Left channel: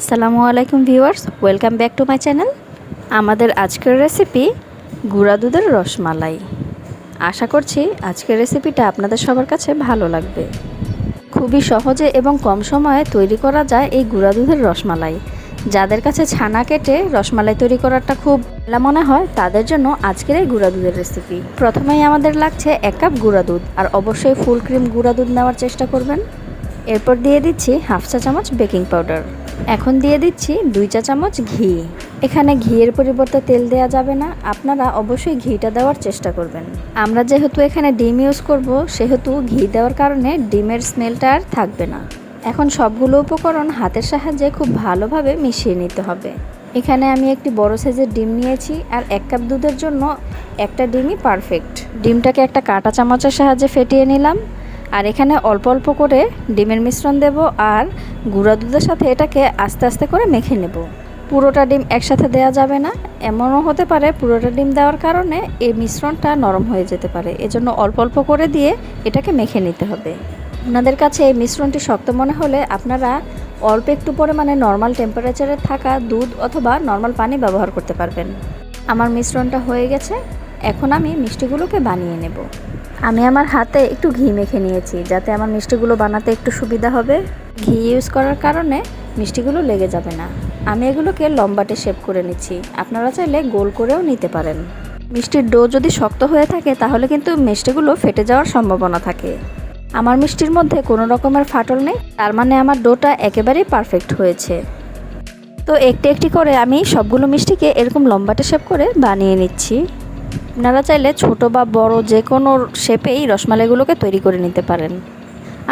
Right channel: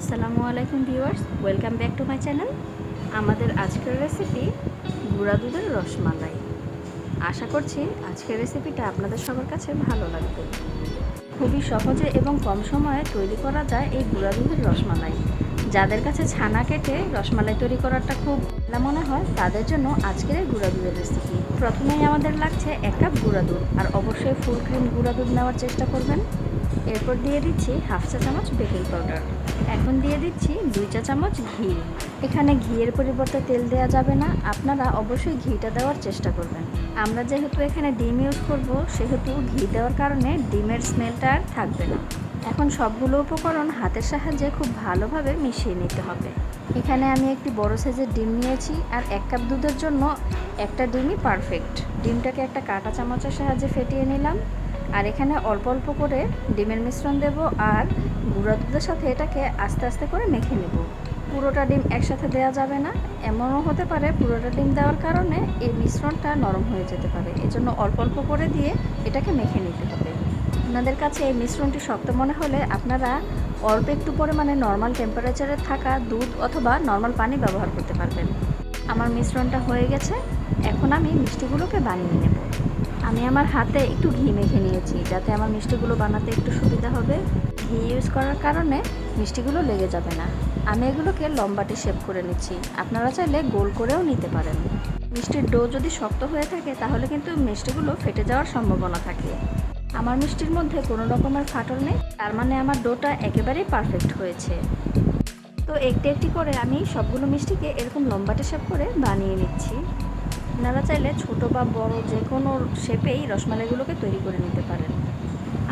আসসালামু আলাইকুম viewers, welcome back to my channel. আমাদের আজকের রেসিপি গুঁড়া দুধের রসমালাই। আশা করছি আজকের রেসিপিটা আপনাদের সবার কাছে ভালো লাগবে। খুবই সহজে এবং কম সময়ে তৈরি করা যায় এই গুঁড়া দুধের রসমালাই। যাদের কাছে ছানা কেটে রসমালাই তৈরি করাটা খুব ভালো মনে হয় তাদের জন্য আজকের এই গুঁড়া দুধের রেসিপি। প্রথমেই আমাদের লাগছে 1 কাপ গুঁড়া দুধ, আর অবশ্যই ফুল ক্রিম গুঁড়া দুধ নেওয়ার চেষ্টা করবেন। এরপর দিয়ে দিচ্ছি হাফ চা চামচ বেকিং পাউডার। এখন দিয়ে দিচ্ছি 2 চা চামচ ঘি। এখানে ঘিয়ের পরিবর্তে তেল দেওয়া যাবে না, আপনারা অবশ্যই ঘিটা দেওয়ার চেষ্টা করবেন। আমরা যেহেতু এখানে ডিম ইউজ করব, সেহেতু ঘি দেওয়ার কারণে ডিমের স্মেলটা আর থাকবে না। এখন সবগুলো উপকরণ হাতের সাহায্যে খুব ভালোভাবে মিশিয়ে নিতে হবে। এখানে আমি একটি বড় সাইজের ডিম নিয়েছি, আর 1 কাপ দুধের জন্য একটা ডিমই পারফেক্ট। ডিমটাকে একটা কাঁটা চামচের সাহায্যে ফেটিয়ে নিলাম। আর এখানে অল্প অল্প করে ডিমের মিশ্রণ দেব, আর গুঁড়া দুধের সাথে এটাকে আস্তে আস্তে করে মেখে নেব। পুরোটা ডিম একসাথে দেওয়া যাবে না, এমনও হতে পারে পুরোটা ডিম দেওয়ার কারণে এই মিশ্রণটা নরম হয়ে যেতে পারে। এজন্য অল্প অল্প করে দিয়ে এটাকে মেখে নিতে হবে। আপনাদের কাছে এই মিশ্রণটি শক্ত মনে হলে আপনারা অল্প একটু পরিমাণে নর্মাল টেম্পারেচারে থাকা দুধ অথবা নর্মাল পানি ব্যবহার করতে পারবেন। আমার মিশ্রণটা হয়ে গেছে, এখন আমি মিষ্টিগুলোকে বানিয়ে নেব। আমি আমার হাতে একটু ঘি মেখে নিয়েছি, যাতে আমার মিষ্টিগুলো বানাতে একটু সুবিধা হবে। ঘি ইউজ করার কারণে মিষ্টিগুলো লেগে যাবে না। আমি এগুলোকে লম্বাটে শেপ করে নিচ্ছি, আপনারা চাইলে গোল করেও নিতে পারেন। মিষ্টির ডো যদি শক্ত হয়ে থাকে তাহলে কিন্তু মিষ্টিগুলো ফেটে যাওয়ার সম্ভাবনা থাকে। আমার মিষ্টির মধ্যে কোনো রকমের ফাটল নেই, তার মানে আমার ডোটা একেবারেই পারফেক্ট হয়েছে। তো একটি একটি করে আমি সবগুলো মিষ্টিকে এরকম লম্বাটে শেপ করে বানিয়ে নিচ্ছি। আপনারা চাইলে ছোট বা বড় যে কোনো শেপেই রসমালাইগুলোকে তৈরি করে নিতে পারেন।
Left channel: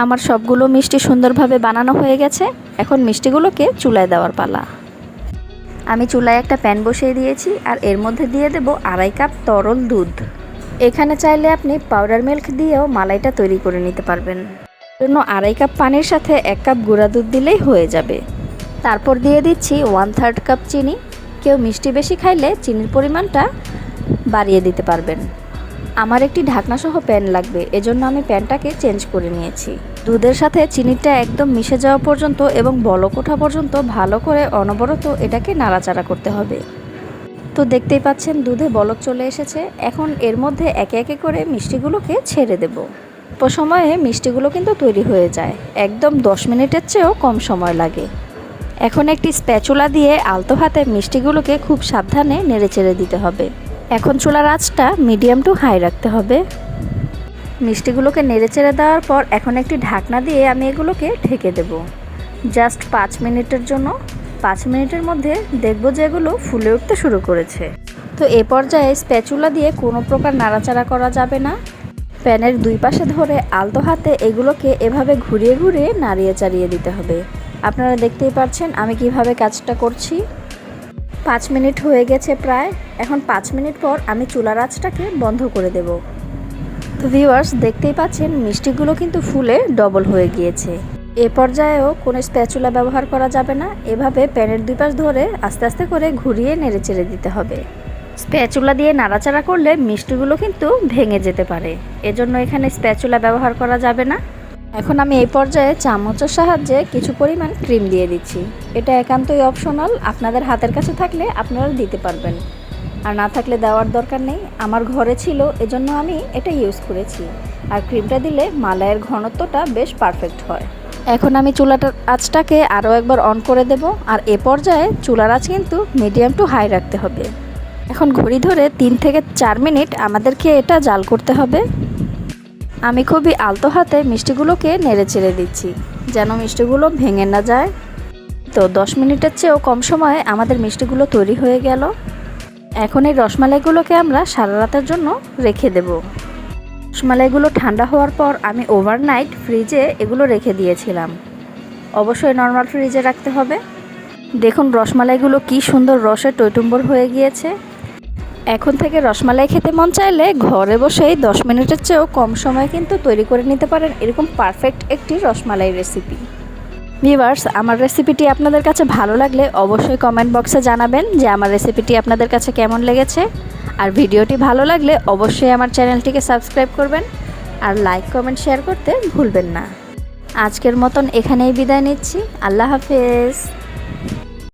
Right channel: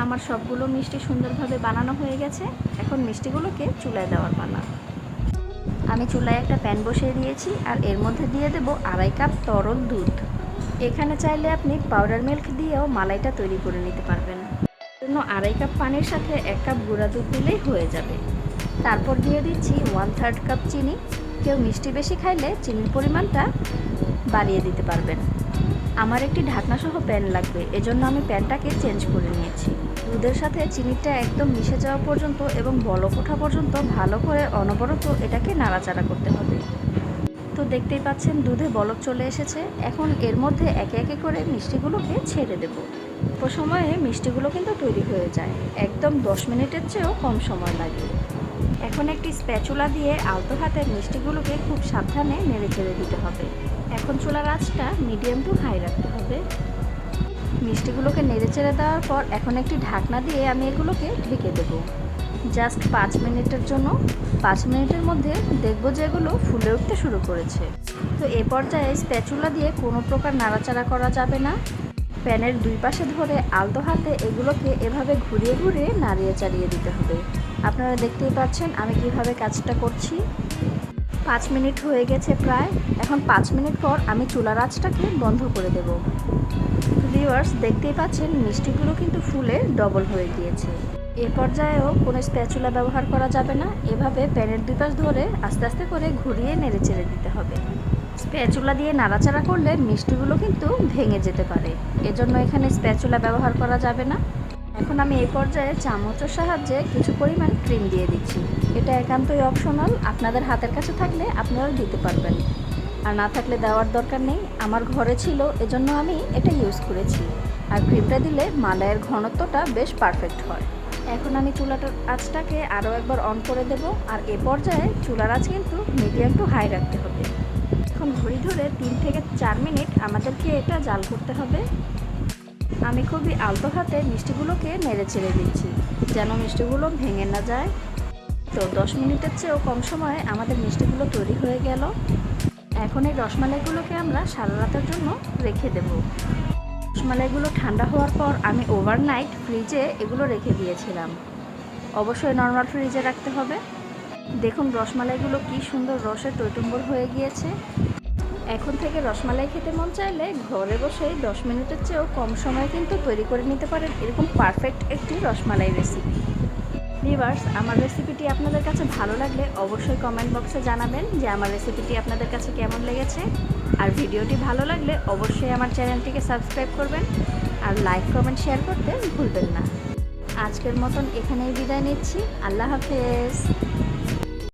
আমার সবগুলো মিষ্টি সুন্দরভাবে বানানো হয়ে গেছে, এখন মিষ্টিগুলোকে চুলায় দেওয়ার পালা। আমি চুলায় একটা প্যান বসিয়ে দিয়েছি, আর এর মধ্যে দিয়ে দেব 2.5 কাপ তরল দুধ। এখানে চাইলে আপনি পাউডার মিল্ক দিয়েও মালাইটা তৈরি করে নিতে পারবেন। জন্য 2.5 কাপ পানির সাথে 1 কাপ গুঁড়া দুধ দিলেই হয়ে যাবে। তারপর দিয়ে দিচ্ছি 1/3 কাপ চিনি। কেউ মিষ্টি বেশি খাইলে চিনির পরিমাণটা বাড়িয়ে দিতে পারবেন। আমার একটি ঢাকনাসহ প্যান লাগবে, এজন্য আমি প্যানটাকে চেঞ্জ করে নিয়েছি। দুধের সাথে চিনিটা একদম মিশে যাওয়া পর্যন্ত এবং বলক ওঠা পর্যন্ত ভালো করে অনবরত এটাকে নাড়াচাড়া করতে হবে। তো দেখতেই পাচ্ছেন দুধে বলক চলে এসেছে। এখন এর মধ্যে একে একে করে মিষ্টিগুলোকে ছেড়ে দেব। অল্প সময়ে মিষ্টিগুলো কিন্তু তৈরি হয়ে যায়, একদম 10 মিনিটের চেয়েও কম সময় লাগে। এখন একটি স্প্যাচুলা দিয়ে আলতো হাতে মিষ্টিগুলোকে খুব সাবধানে নেড়েচেড়ে দিতে হবে। এখন চুলার আঁচটা মিডিয়াম টু হাই রাখতে হবে। মিষ্টিগুলোকে নেড়েচেড়ে দেওয়ার পর এখন একটি ঢাকনা দিয়ে আমি এগুলোকে ঢেকে দেব জাস্ট 5 মিনিটের জন্য। 5 মিনিটের মধ্যে দেখব যে এগুলো ফুলে উঠতে শুরু করেছে। তো এ পর্যায়ে স্প্যাচুলা দিয়ে কোনো প্রকার নাড়াচাড়া করা যাবে না। প্যানের দুই পাশে ধরে আলতো হাতে এগুলোকে এভাবে ঘুরিয়ে ঘুরিয়ে নাড়িয়ে চাড়িয়ে দিতে হবে। আপনারা দেখতেই পাচ্ছেন আমি কিভাবে কাজটা করছি। 5 মিনিট হয়ে গেছে প্রায়। এখন 5 মিনিট পর আমি চুলার আঁচটাকে বন্ধ করে দেব। তো ভিউয়ার্স, দেখতেই পাচ্ছেন মিষ্টিগুলো কিন্তু ফুলে ডবল হয়ে গিয়েছে। এ পর্যায়েও কোনো স্প্যাচুলা ব্যবহার করা যাবে না, এভাবে প্যানের দুই পাশ ধরে আস্তে আস্তে করে ঘুরিয়ে নেড়েচেড়ে দিতে হবে। স্প্যাচুলা দিয়ে নাড়াচাড়া করলে মিষ্টিগুলো কিন্তু ভেঙে যেতে পারে, এজন্য এখানে স্প্যাচুলা ব্যবহার করা যাবে না। এখন আমি এই পর্যায়ে চামচের সাহায্যে কিছু পরিমাণ ক্রিম দিয়ে দিচ্ছি। এটা একান্তই অপশনাল, আপনাদের হাতের কাছে থাকলে আপনারা দিতে পারবেন, আর না থাকলে দেওয়ার দরকার নেই। আমার ঘরে ছিল, এজন্য আমি এটা ইউজ করেছি। আর ক্রিমটা দিলে মালাইয়ের ঘনত্বটা বেশ পারফেক্ট হয়। এখন আমি চুলাটার আঁচটাকে আরও একবার অন করে দেব, আর এ পর্যায়ে চুলার আঁচ কিন্তু মিডিয়াম টু হাই রাখতে হবে। এখন ঘড়ি ধরে 3 থেকে 4 মিনিট আমাদেরকে এটা জাল করতে হবে। আমি খুবই আলতো হাতে মিষ্টিগুলোকে নেড়ে চেড়ে দিচ্ছি, যেন মিষ্টিগুলো ভেঙে না যায়। তো 10 মিনিটের চেয়েও কম সময়ে আমাদের মিষ্টিগুলো তৈরি হয়ে গেল। এখন এই রসমালাইগুলোকে আমরা সারা রাতের জন্য রেখে দেব। রসমালাইগুলো ঠান্ডা হওয়ার পর আমি ওভারনাইট ফ্রিজে এগুলো রেখে দিয়েছিলাম। অবশ্যই নর্মাল ফ্রিজে রাখতে হবে। দেখুন রসমালাইগুলো কি সুন্দর রসে টইটুম্বর হয়ে গিয়েছে। এখন থেকে রসমালাই খেতে মন চাইলে ঘরে বসেই 10 মিনিটের চেয়েও কম সময়ে কিন্তু তৈরি করে নিতে পারেন এরকম পারফেক্ট একটি রসমালাই রেসিপি। ভিউয়ার্স, আমার রেসিপিটি আপনাদের কাছে ভালো লাগলে অবশ্যই কমেন্ট বক্সে জানাবেন যে আমার রেসিপিটি আপনাদের কাছে কেমন লেগেছে। আর ভিডিওটি ভালো লাগলে অবশ্যই আমার চ্যানেলটিকে সাবস্ক্রাইব করবেন, আর লাইক কমেন্ট শেয়ার করতে ভুলবেন না। আজকের মতন এখানেই বিদায় নিচ্ছি। আল্লাহ হাফেজ।